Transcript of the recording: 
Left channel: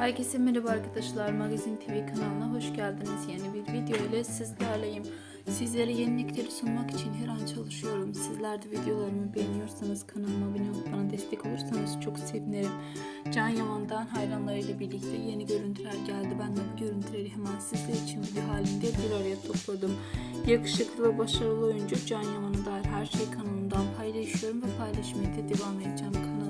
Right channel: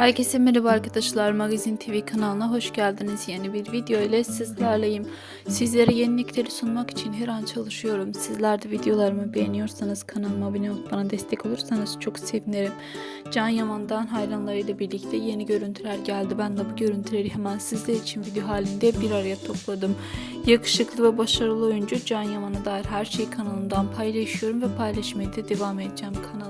Herkese merhaba arkadaşlar. Magazin TV kanalına hoş geldiniz. Yeni bir video ile sizlerleyim. Sizlere yenilikleri sunmak için her an çalışıyorum. Sizler de videolarımı beğeniyorsanız kanalıma abone olup bana destek olursanız çok sevinirim. Can Yaman'dan hayranlarıyla birlikte yeni görüntüler geldi. Ben de bu görüntüleri hemen sizler için video halinde bir araya topladım. Yakışıklı ve başarılı oyuncu Can Yaman'a dair her şeyi kanalımdan paylaşıyorum ve paylaşmaya da devam edeceğim. Kanalımı